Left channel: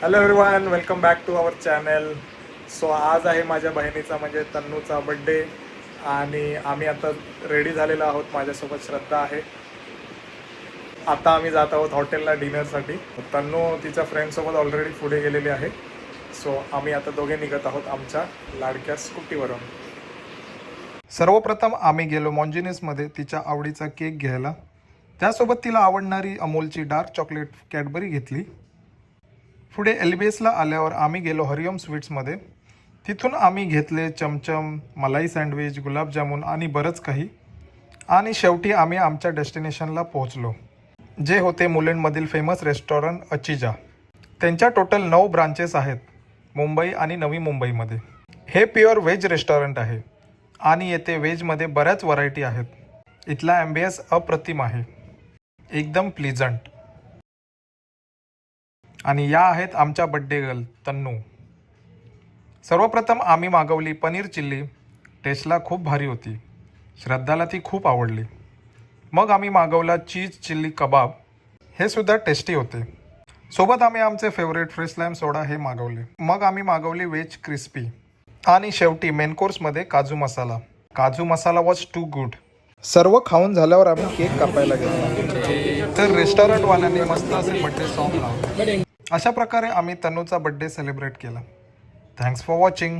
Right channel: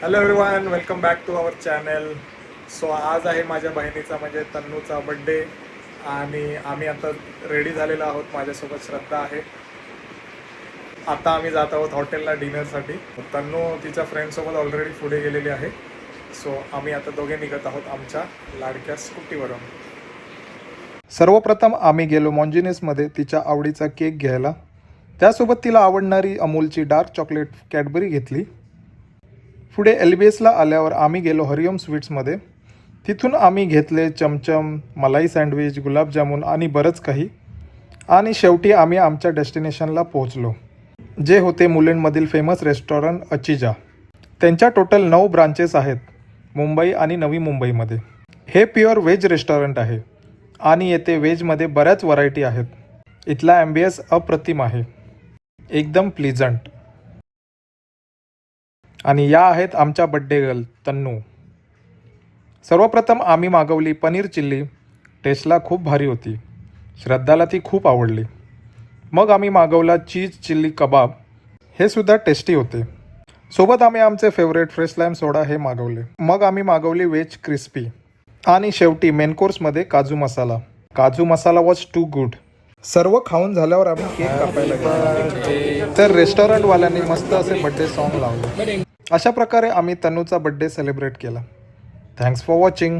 Hello everyone, welcome back to our channel. So आज आहे माझ्या बहिणीचा म्हणजे तन्नूचा बड्डे आणि आम्ही आता रेडी झालेलो आहोत. माझ्यासोबत श्रद्धा आहे. आता आम्ही जात आहोत हॉटेलला डिनरसाठी. तन्नू तिच्या फ्रेंडसोबत ऑलरेडी पुढे गेलेली आहे. सो आम्ही आता दोघे निघत आहोत आमच्या लाडक्या स्कूटीवरून. सर्वप्रथम आम्ही गेलो मॉन्जिनेसमध्ये तिच्या आवडीचा केक घ्यायला. त्यासोबत तिला आवडणारी अमूलची डार्क चॉकलेट कॅडबरी घेतली. पुढे LBSला आल्यावर आम्ही गेलो हरिओम स्वीट्समध्ये. तिथून आम्ही घेतले चमचम, मलाई सँडविच, गुलाबजामुन आणि बरंच काही. आणि शेवटी आम्ही आमच्या डेस्टिनेशनला पोहोचलो, जे होते मुलुंडमधील फेमस रेस्टॉरंट अचिजा. त्यांच्या टोटल 9 ब्रांचेस आहेत मुंबई आणि नवी मुंबईमध्ये. हे प्युअर व्हेज रेस्टॉरंट आहे आणि येथे व्हेजमध्ये बऱ्याच व्हरायटी आहेत. इथला ॲम्बियन्स अप्रतिम आहे, एकदम प्लीजंट. आणि या आहेत आमच्या बड्डे गर्ल तन्नू. सर्वप्रथम आम्ही मागवली पनीर चिल्ली. टेस्टला खूप भारी होती. श्रद्धाला ती खूप आवडली. मग आम्ही मागवला चीज चिल्ली कबाब. हे सुद्धा टेस्टी होते. सोबत आम्ही आमचे फेवरेट फ्रेश लाईम सोडा हे मागवले. मग आम्ही मागवली व्हेज क्रिस्पी. आणि शेवटी मेन कोर्समध्ये काजू मसाला. काजू मसाला वॉज टू गुड. सर्व खाऊन झाल्यावर आम्ही केक कापायला गेलो, तर रेस्टॉरंटवाल्याने मस्त असे बड्डे सॉंग लावले. अशा प्रकारे आम्ही तन्नूचा बड्डे सेलिब्रेट केला. Thanks for watching.